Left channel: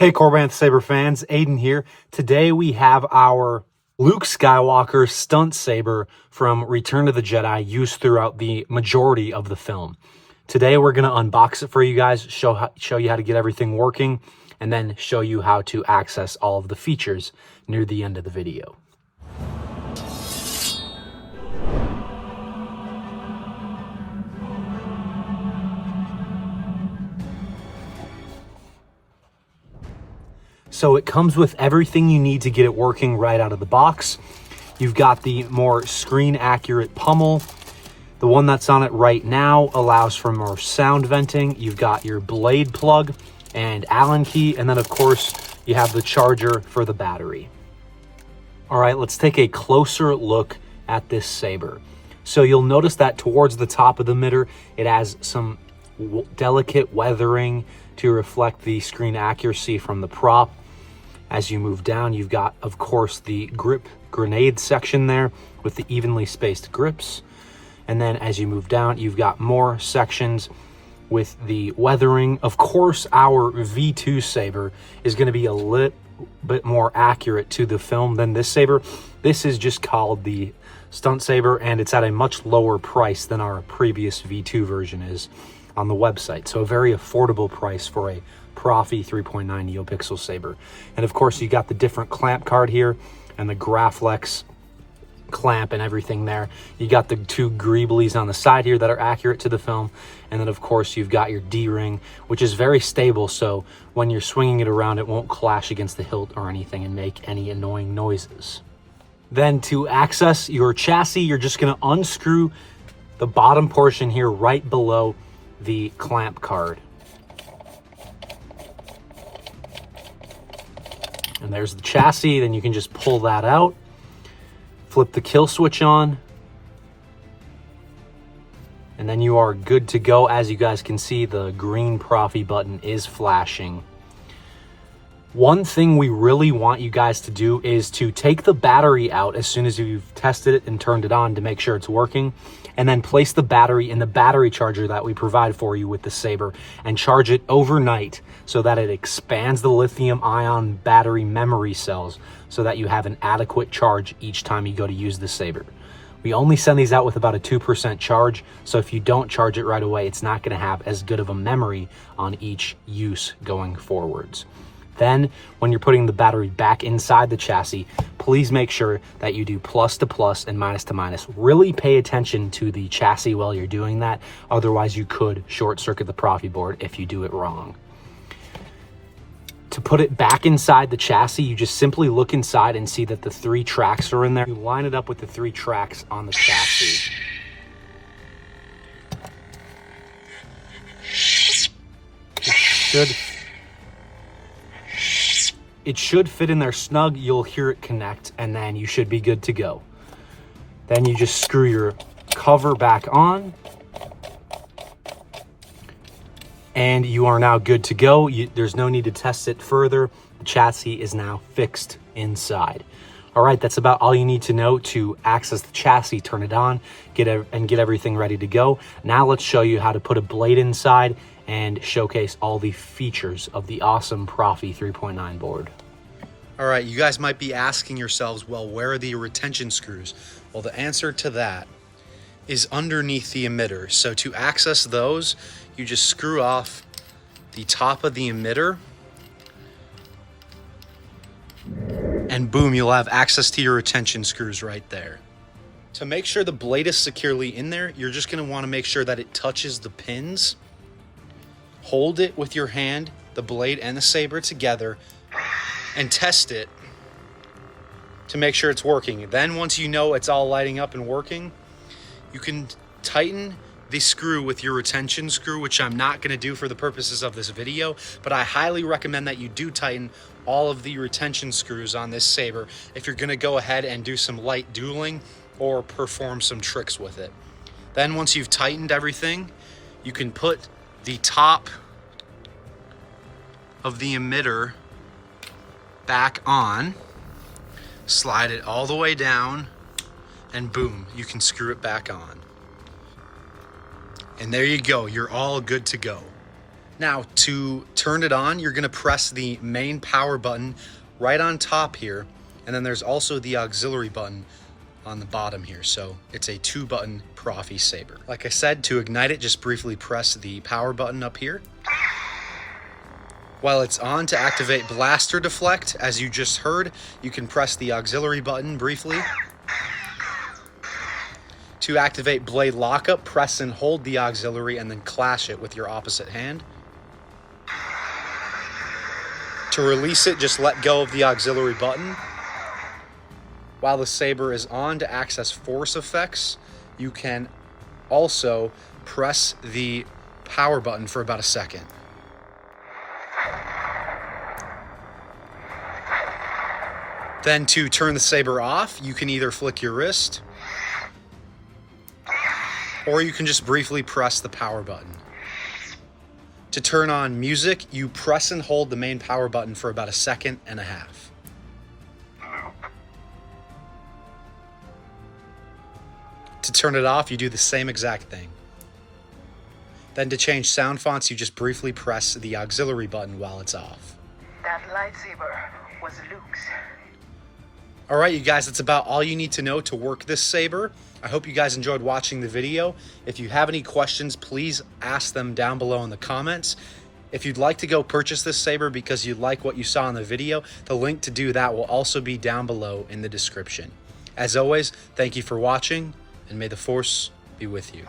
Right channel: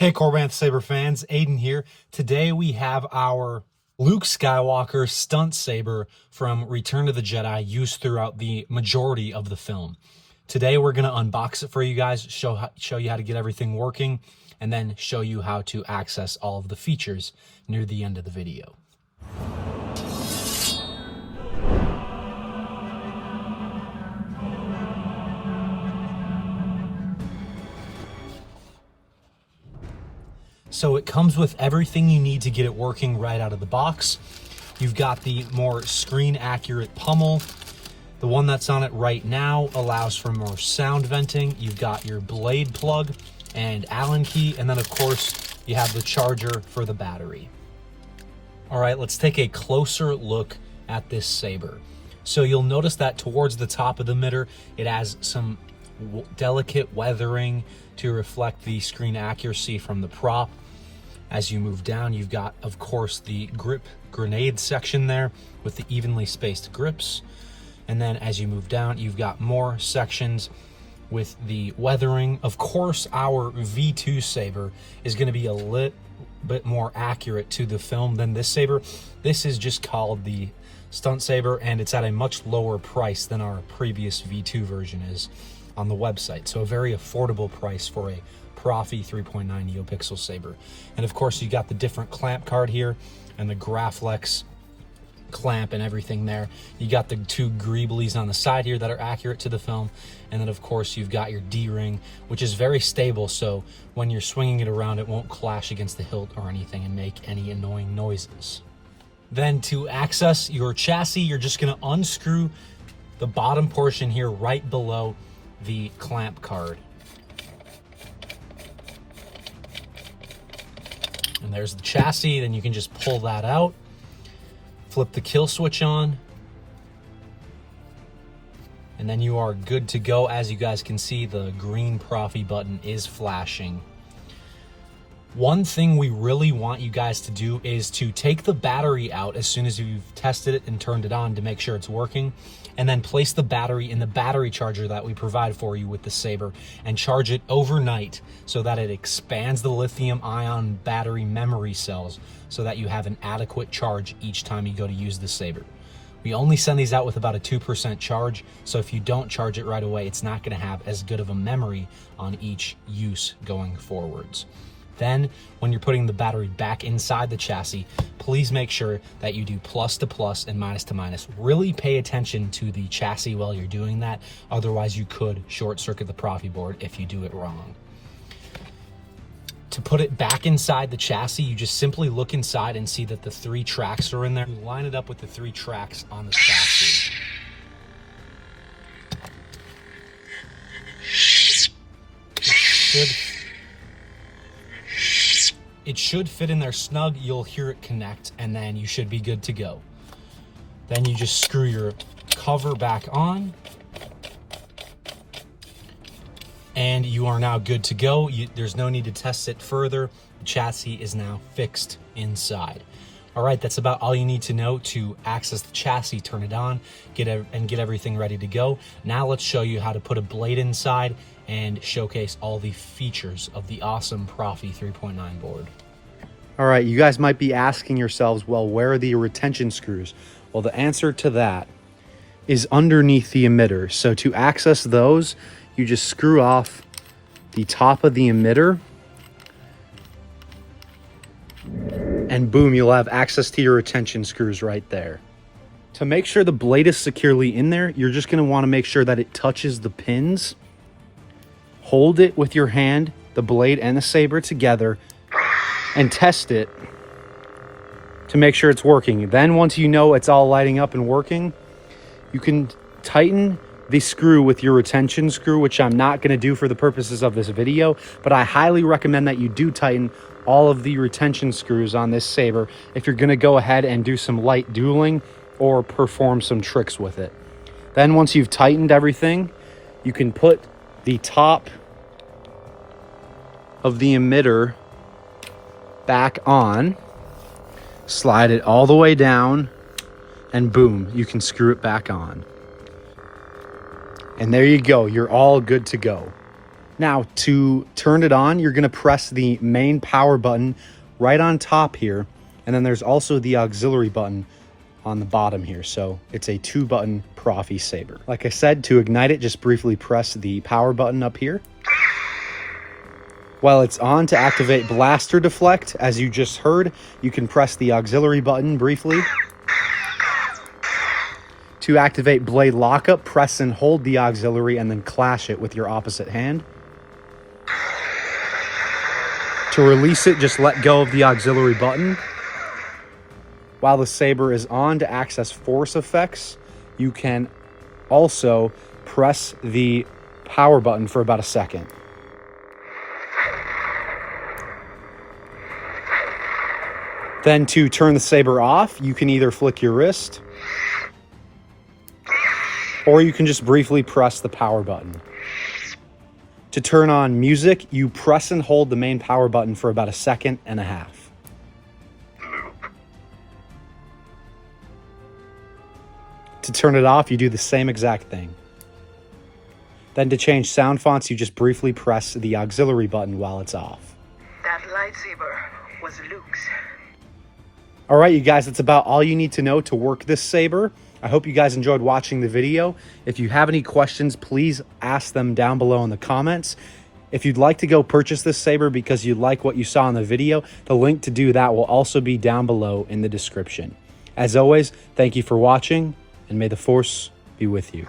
Hey Corbanth Saber fans, Aiden here. Today we have our Luke Skywalker stunt saber from Return of the Jedi used throughout the majority of the film. Today we're going to unbox it for you guys, show you how to get everything working, and then show you how to access all of the features near the end of the video. So it comes with everything you need to get it working right out of the box. You've got the more screen accurate pommel. The one that's on it right now allows for more sound venting. You've got your blade plug and Allen key. And then of course you have the charger for the battery. All right, let's take a closer look at this saber. So you'll notice that towards the top of the emitter, it has some delicate weathering to reflect the screen accuracy from the prop. As you move down, you've got, of course, the grip grenade section there with the evenly spaced grips. And then as you move down, you've got more sections with the weathering. Of course, our V2 saber is going to be a little bit more accurate to the film than this saber. This is just called the Stunt Saber, and it's at a much lower price than our previous V2 version is on the website. So a very affordable price for a Proffi 3.9 NeoPixel saber. And of course you got the different clamp card here and the Graflex clamp and everything there. You got the two greeblies on the side here that are accurate to the film. And then of course you've got your D-ring, which is very stable. So when you're swinging it around, it won't clash against the hilt or anything and make any annoying noises. Then to access your chassis, you're just gonna unscrew the bottom portion here right below the clamp card. And there's the chassis. Then you can just pull that out, flip the kill switch on, and then you are good to go. As you guys can see, the green Proffi button is flashing. One thing we really want you guys to do is to take the battery out as soon as you've tested it and turned it on to make sure it's working, and then place the battery in the battery charger that we provide for you with the saber and charge it overnight so that it expands the lithium ion battery memory cells so that you have an adequate charge each time you go to use the saber. We only send these out with about a 2% charge, so if you don't charge it right away, it's not going to have as good of a memory on each use going forwards. Then, when you're putting the battery back inside the chassis, please make sure that you do plus to plus and minus to minus. Really pay attention to the chassis while you're doing that. Otherwise, you could short circuit the Proffieboard if you do it wrong. To put it back inside the chassis, you just simply look inside and see that the 3 tracks are in there. You line it up with the 3 tracks on the chassis. It should fit in there snug. You'll hear it connect, and then you should be good to go. Then you just screw your cover back on, and you are now good to go. There's no need to test it further. The chassis is now fixed inside. All right, that's about all you need to know to access the chassis, turn it on, get everything ready to go. Now let's show you how to put a blade inside and showcase all the features of the awesome Proffi 3.9 board. All right, you guys might be asking yourselves, well, where are the retention screws? Well, the answer to that is underneath the emitter. So to access those, you just screw off the top of the emitter, and boom, you'll have access to your retention screws right there. To make sure the blade is securely in there, you're just gonna wanna make sure that it touches the pins. Hold it with your hand, the blade and the saber together, and test it to make sure it's working. Then once you know it's all lighting up and working, you can tighten the screw with your retention screw, which I'm not going to do for the purposes of this video, but I highly recommend that you do tighten all of the retention screws on this saber if you're going to go ahead and do some light dueling or perform some tricks with it. Then once you've tightened everything, you can put the top of the emitter back on, slide it all the way down, and boom, you can screw it back on. And there you go, you're all good to go. Now, to turn it on, you're gonna press the main power button right on top here, and then there's also the auxiliary button on the bottom here. So it's a 2-button Proffi saber. Like I said, to ignite it, just briefly press the power button up here. While it's on, to activate blaster deflect, as you just heard, you can press the auxiliary button briefly. To activate blade lockup, press and hold the auxiliary and then clash it with your opposite hand. To release it, just let go of the auxiliary button. While the saber is on, to access force effects, you can also press the power button for about a second. Then to turn the saber off, you can either flick your wrist, or you can just briefly press the power button. To turn on music, you press and hold the main power button for about 1.5 seconds. To turn it off, you do the same exact thing. Then to change sound fonts, you just briefly press the auxiliary button while it's off. That lightsaber was Luke's. All right, you guys, that's about all you need to know to work this saber. I hope you guys enjoyed watching the video. If you have any questions, please ask them down below in the comments. If you'd like to go purchase this saber because you like what you saw in the video, the link to do that will also be down below in the description. As always, thank you for watching, and may the Force be with you.